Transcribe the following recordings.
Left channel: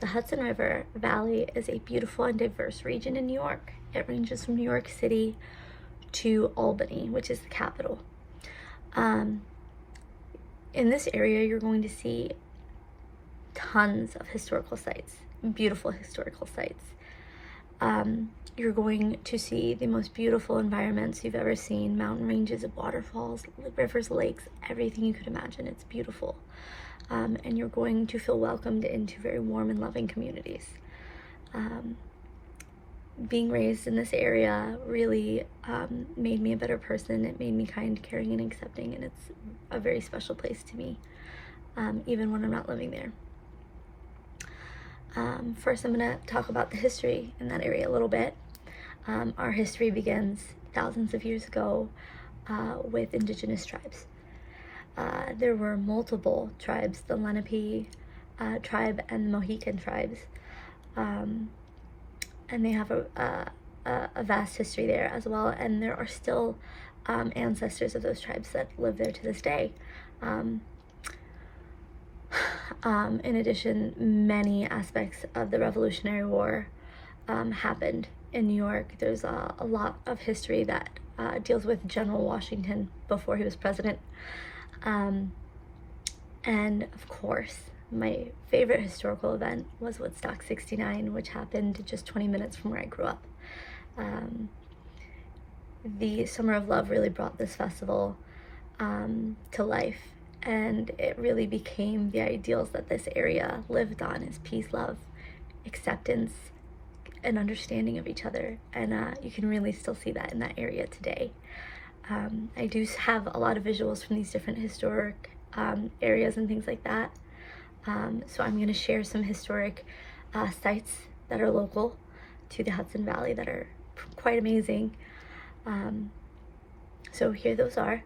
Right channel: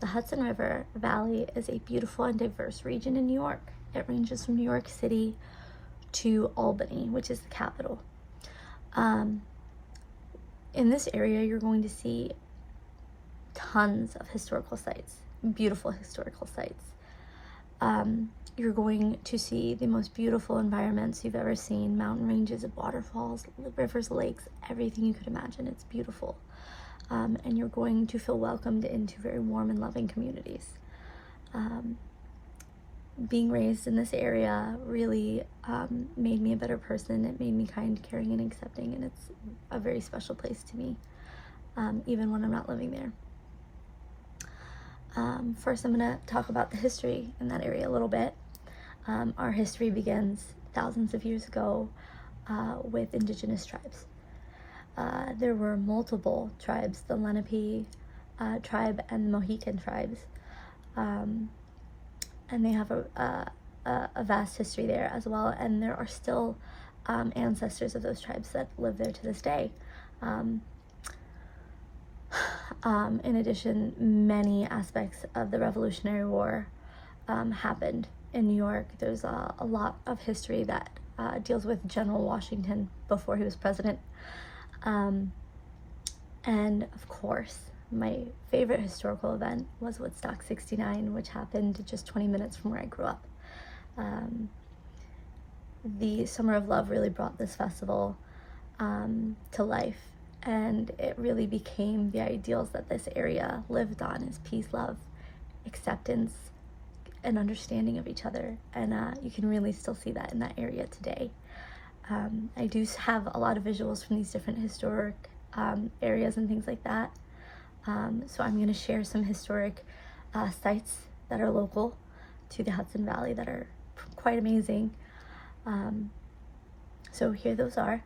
The Hudson River Valley is a beautiful and diverse region in New York. It ranges from New York City to Albany, which is the capital. In this area, you're going to see tons of historical sites, beautiful historical sites. You're going to see the most beautiful environments you've ever seen, mountain ranges, waterfalls, rivers, lakes, everything you could imagine. It's beautiful. And you're going to feel welcomed into very warm and loving communities. Being raised in this area really made me a better person. It made me kind, caring, and accepting, and it's a very special place to me, even when I'm not living there. First, I'm going to talk about the history in that area a little bit. Our history begins thousands of years ago with indigenous tribes. There were multiple tribes, the Lenape tribe and the Mohican tribes, and they have a vast history there as well, and there are still ancestors of those tribes that live there to this day. In addition, many aspects of the Revolutionary War happened in New York. There's a lot of history that deals with General Washington before he was president. And of course, my favorite historical event was Woodstock 69, which happened just 20 minutes from where I grew up. The Summer of Love really brought this festival to life, and it really became the ideals that this area lived on: is peace, love, acceptance, and understanding of each other. And you can really still see that in that area today. I do have a lot of visuals from these different historic areas and things like that. So I'm going to share some historic sites that are local to the Hudson Valley that are quite amazing. So here those are.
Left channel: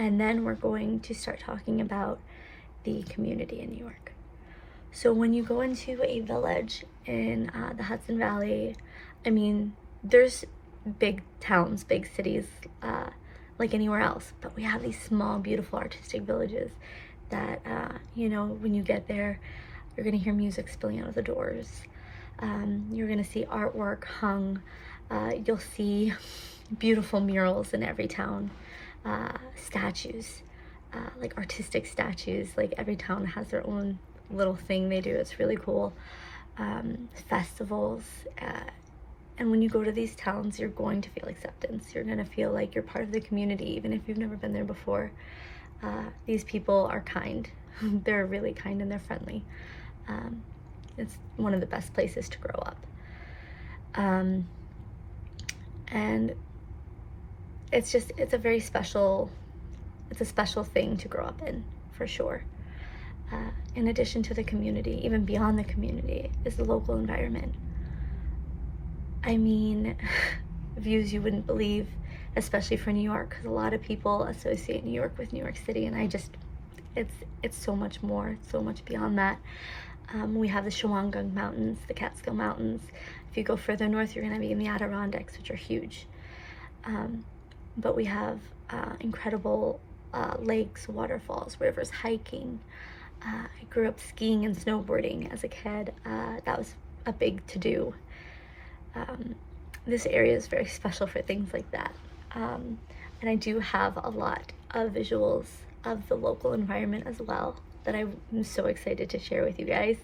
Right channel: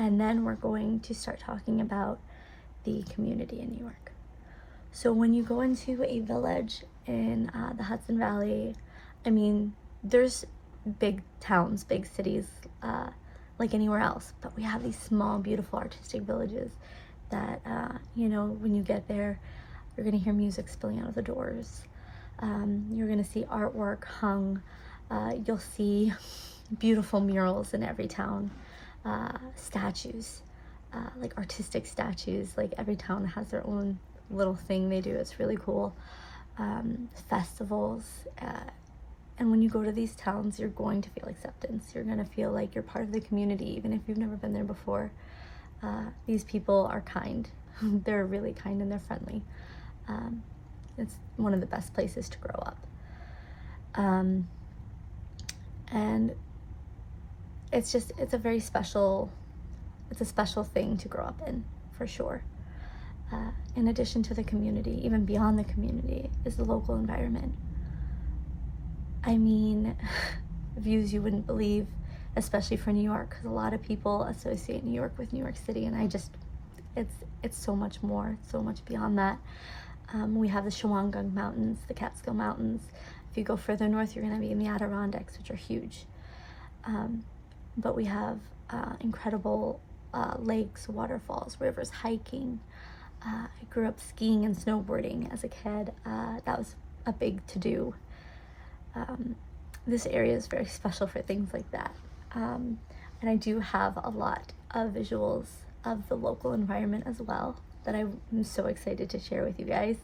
And then we're going to start talking about the community in New York. So when you go into a village in the Hudson Valley, I mean, there's big towns, big cities, like anywhere else, but we have these small, beautiful, artistic villages that, when you get there, you're gonna hear music spilling out of the doors. You're gonna see artwork hung. You'll see beautiful murals in every town. Statues, like artistic statues. Like every town has their own little thing they do. It's really cool. Festivals, and when you go to these towns, you're going to feel acceptance. You're going to feel like you're part of the community, even if you've never been there before. These people are kind. They're really kind and they're friendly. It's one of the best places to grow up. And it's a very special, it's a special thing to grow up in, for sure. In addition to the community, even beyond the community, is the local environment. I mean, views you wouldn't believe, especially for New York, because a lot of people associate New York with New York City, and it's so much more, so much beyond that. We have the Shawangunk Mountains, the Catskill Mountains. If you go further north, you're going to be in the Adirondacks, which are huge. But we have incredible lakes, waterfalls, rivers, hiking. I grew up skiing and snowboarding as a kid. That was a big to-do. This area is very special for things like that. And I do have a lot of visuals of the local environment as well that I'm so excited to share with you guys.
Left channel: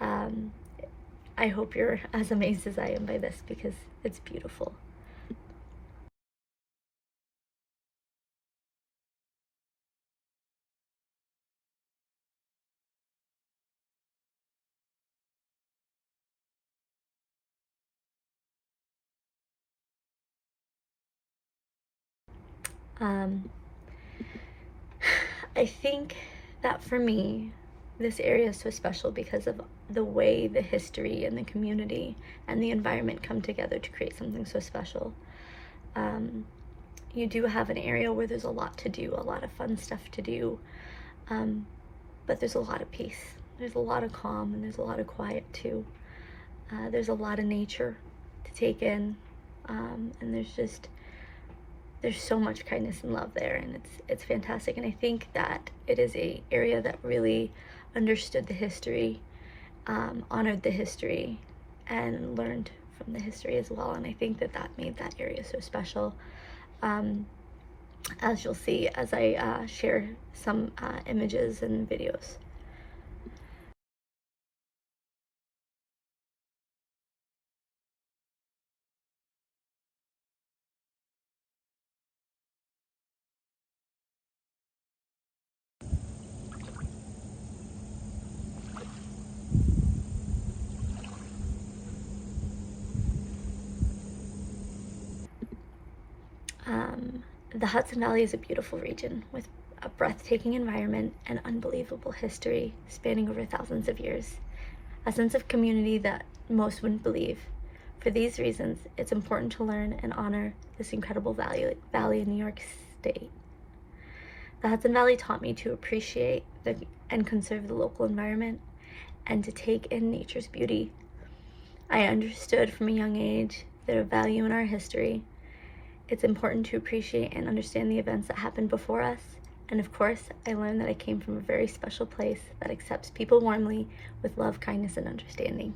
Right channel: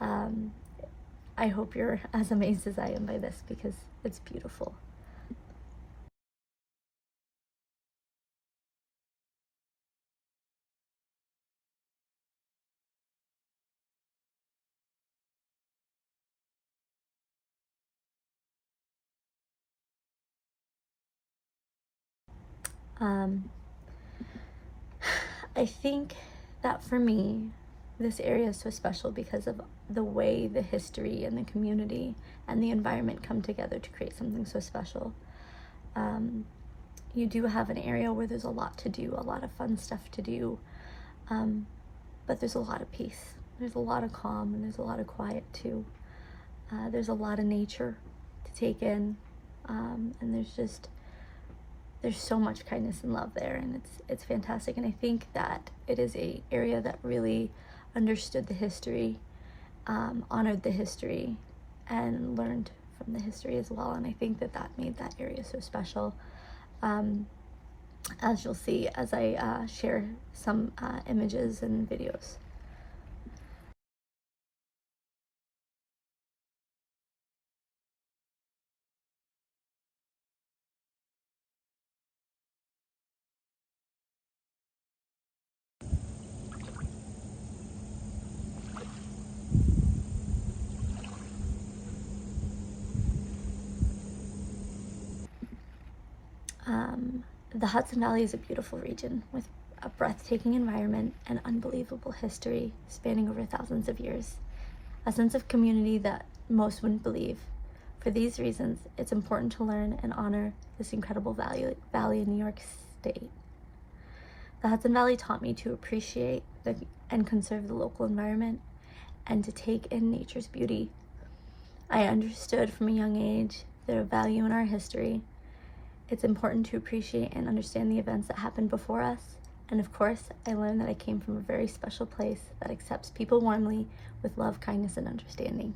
I hope you're as amazed as I am by this, because it's beautiful. I think that for me, this area is so special because of the way the history and the community and the environment come together to create something so special. You do have an area where there's a lot to do, a lot of fun stuff to do, but there's a lot of peace. There's a lot of calm and there's a lot of quiet too. There's a lot of nature to take in, and there's so much kindness and love there, and it's fantastic. And I think that it is a area that really understood the history, honored the history, and learned from the history as well. And I think that made that area so special. As you'll see as I share some images and videos. The Hudson Valley is a beautiful region with a breathtaking environment and unbelievable history spanning over thousands of years. A sense of community that most wouldn't believe. For these reasons, it's important to learn and honor this incredible valley in New York State. The Hudson Valley taught me to appreciate and conserve the local environment and to take in nature's beauty. I understood from a young age the value in our history. It's important to appreciate and understand the events that happened before us. And of course, I learned that I came from a very special place that accepts people warmly with love, kindness, and understanding.